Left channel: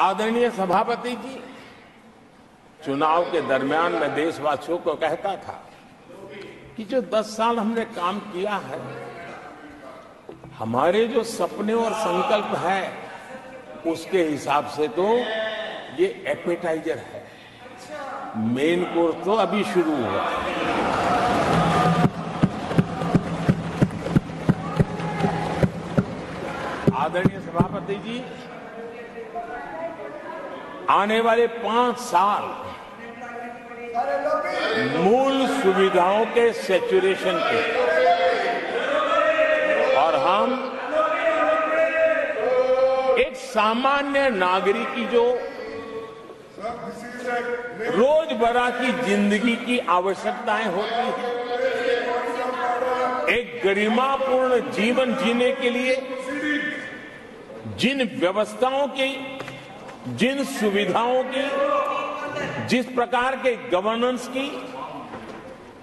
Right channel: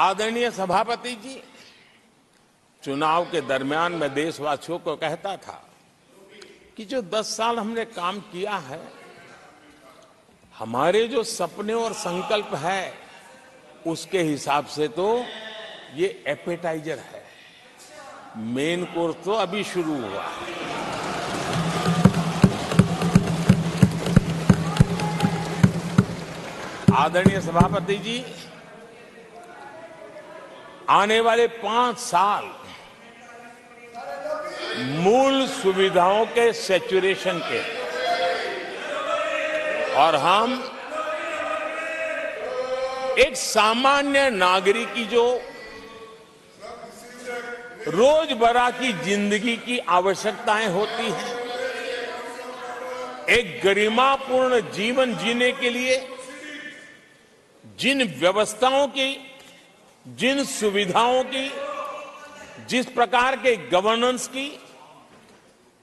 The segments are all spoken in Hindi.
आदरणीय सभापति जी, चुनाव के दरमियान मैं देशवासियों को कहता था कि जो 10 साल हमने काम किया है, हमारे जो सपने और संकल्प है, उसके हिसाब से तो ये एपेटाइजर है। मेन कोर्स तो अभी शुरू हुआ। आदरणीय सभापति जी, आने वाले 5 साल मूल सुविधाओं के सैचुरेशन के, और हम एक सामान्य नागरिक की जो रोजमर्रा की जिंदगी की आवश्यकताएं होती हैं, एक गरिमापूर्ण जीवन जीने के लिए जिन व्यवस्थाओं की, जिन सुविधाओं की, जिस प्रकार के गवर्नेंस की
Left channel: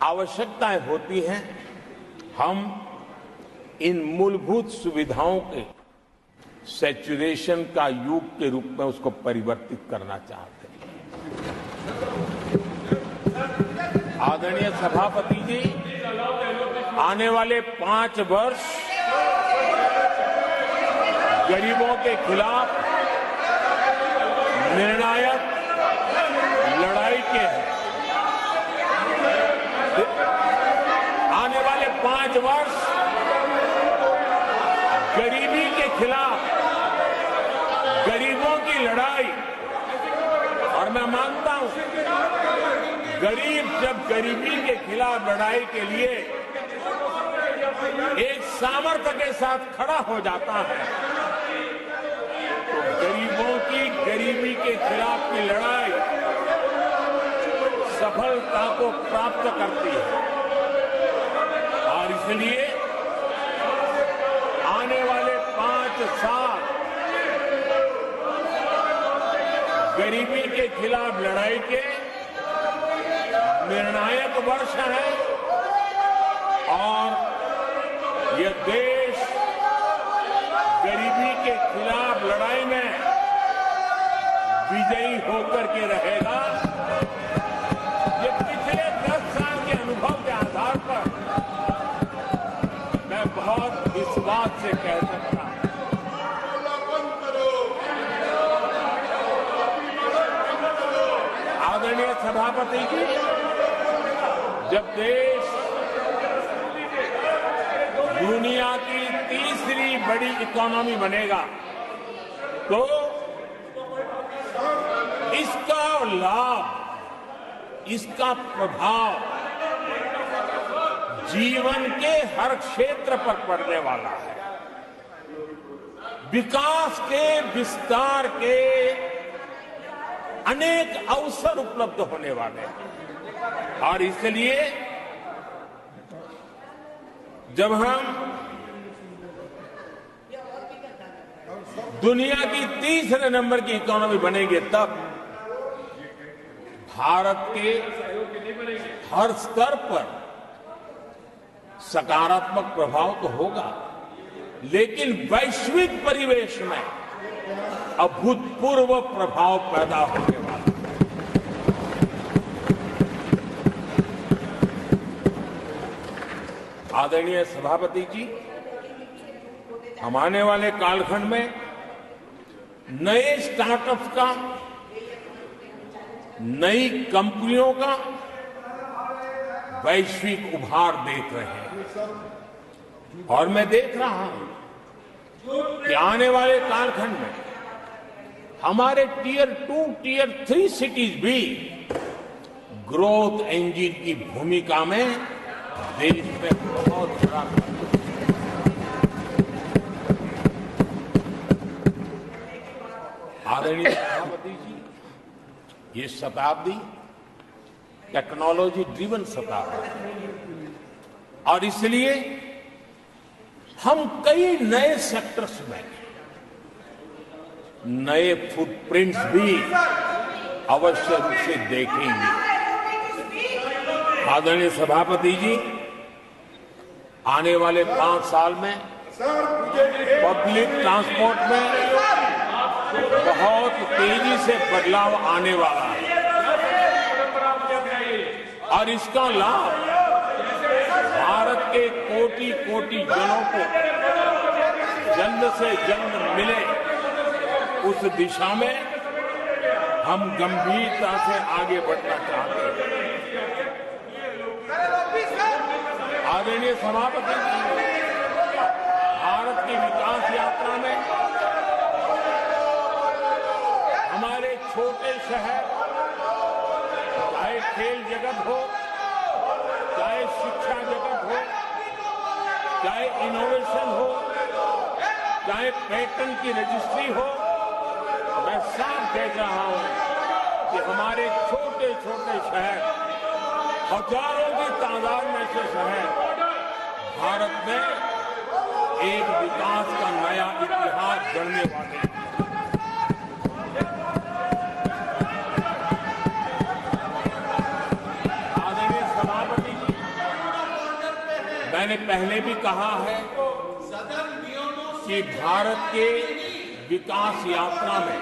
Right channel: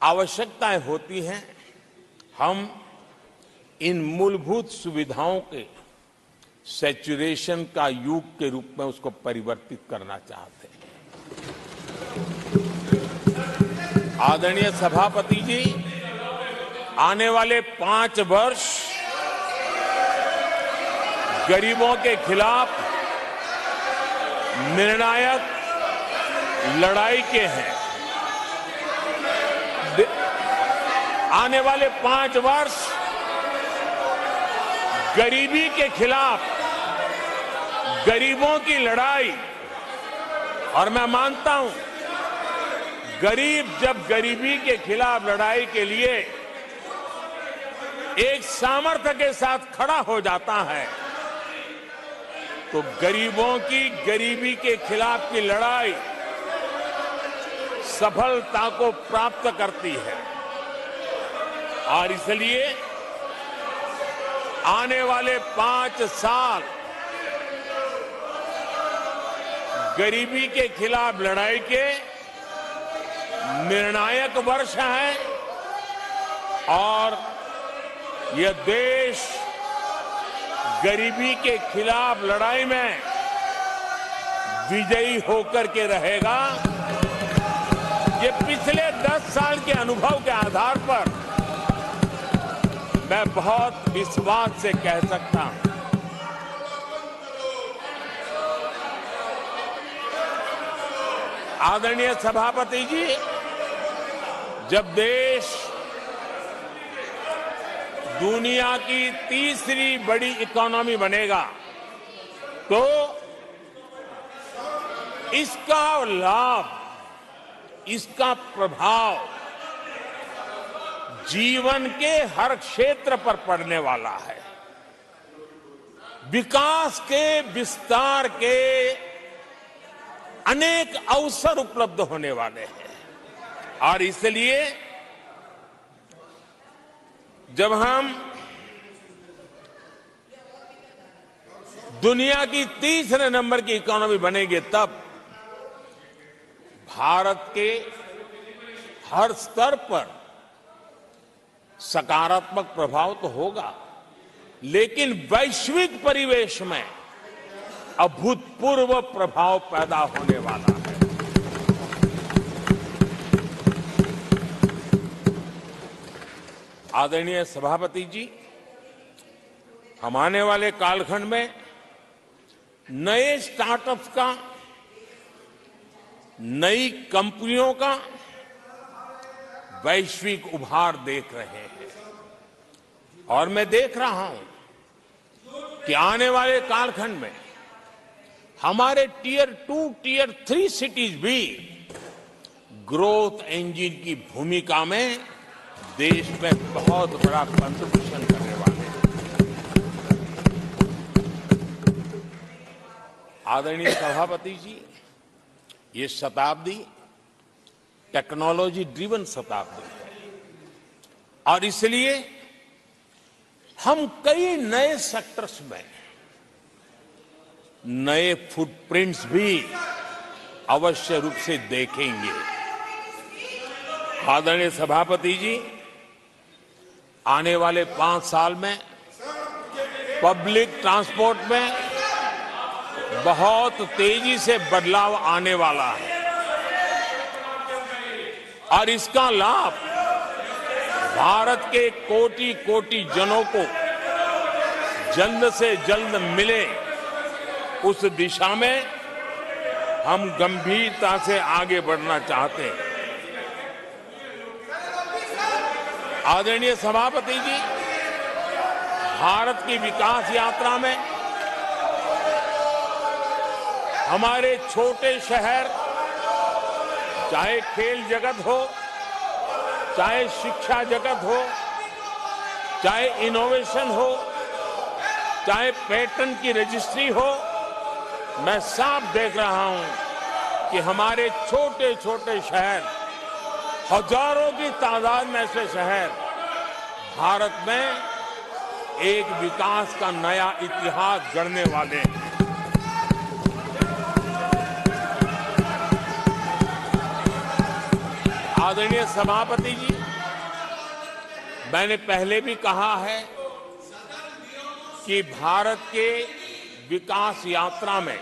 आवश्यकताएं होती हैं, हम इन मूलभूत सुविधाओं के सैचुरेशन का युग के रूप में उसको परिवर्तित करना चाहते हैं। आदरणीय सभापति जी, आने वाले 5 वर्ष गरीबों के खिलाफ निर्णायक लड़ाई के हैं। आने वाले 5 वर्ष गरीबी के खिलाफ गरीबों की लड़ाई, और मैं मानता हूं, गरीब जब गरीबी के खिलाफ लड़ाई के लिए एक सामर्थ्य के साथ खड़ा हो जाता है, तो गरीबों की गरीबी के खिलाफ की लड़ाई सफलता को प्राप्त करती है। और इसलिए आने वाले 5 साल गरीबी के खिलाफ लड़ाई के निर्णायक वर्ष है, और यह देश गरीबी के खिलाफ लड़ाई में विजयी होकर के रहेगा। ये पिछले 10 साल के अनुभव के आधार पर मैं बहुत विश्वास से कह सकता हूं। आदरणीय सभापति जी, जब देश दुनिया की तीसरी बड़ी इकोनॉमी बनेगा, तो इसका लाभ, इसका प्रभाव जीवन के हर क्षेत्र पर पड़ने वाला है। विकास के, विस्तार के अनेक अवसर उपलब्ध होने वाले हैं। और इसलिए जब हम दुनिया की तीसरे नंबर की इकोनॉमी बनेंगे, तब भारत के हर स्तर पर सकारात्मक प्रभाव तो होगा, लेकिन वैश्विक परिवेश में अभूतपूर्व प्रभाव पैदा होने वाला है। आदरणीय सभापति जी, हम आने वाले कालखंड में नए स्टार्टअप्स का, नई कंपनियों का वैश्विक उभार देख रहे हैं, और मैं देख रहा हूं कि आने वाले कालखंड में हमारे टियर 2, टियर 3 सिटीज भी ग्रोथ इंजन की भूमिका में देश में बहुत बड़ा कंट्रीब्यूशन करने वाले हैं। आदरणीय सभापति जी, ये शताब्दी टेक्नोलॉजी ड्रिवन शताब्दी है, और इसलिए हम कई नए सेक्टर्स में नए फुटप्रिंट्स भी अवश्य रूप से देखेंगे। आदरणीय सभापति जी, आने वाले 5 साल में पब्लिक ट्रांसपोर्ट में बहुत तेजी से बदलाव आने वाला है और इसका लाभ भारत के कोटि कोटि जनों को जल्द से जल्द मिले, उस दिशा में हम गंभीरता से आगे बढ़ना चाहते हैं। आदरणीय सभापति जी, भारत की विकास यात्रा में हमारे छोटे शहर, चाहे खेल जगत हो, चाहे शिक्षा जगत हो, चाहे इनोवेशन हो, चाहे पेटेंट की रजिस्ट्री हो, मैं साफ देख रहा हूं कि हमारे छोटे छोटे शहर, हजारों की तादाद में ऐसे शहर भारत में एक विकास का नया इतिहास गढ़ने वाले हैं। आदरणीय सभापति जी, मैंने पहले भी कहा है कि भारत के विकास यात्रा में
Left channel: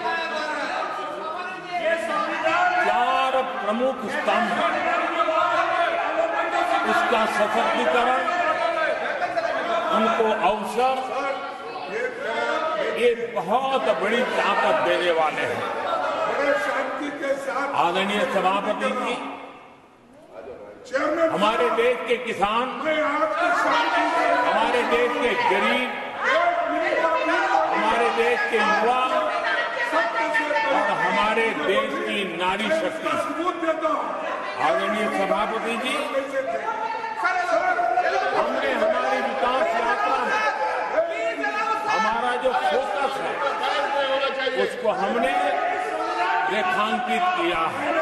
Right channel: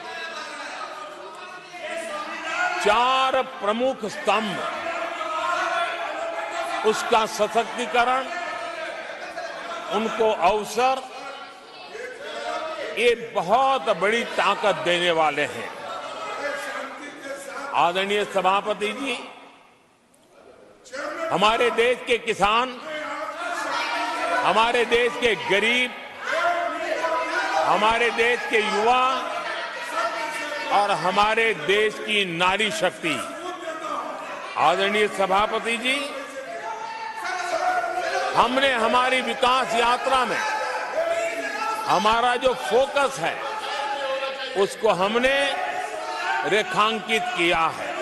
4 प्रमुख स्तंभ, उसका सशक्तिकरण, उनको अवसर, ये बहुत बड़ी ताकत देने वाले हैं। आदरणीय सभापति जी, हमारे देश के किसान, हमारे देश के गरीब, हमारे देश के युवा और हमारे देश की नारी शक्ति, आदरणीय सभापति जी, हमने हमारी विकास यात्रा में हमारा जो फोकस है उसको हमने रेखांकित किया है।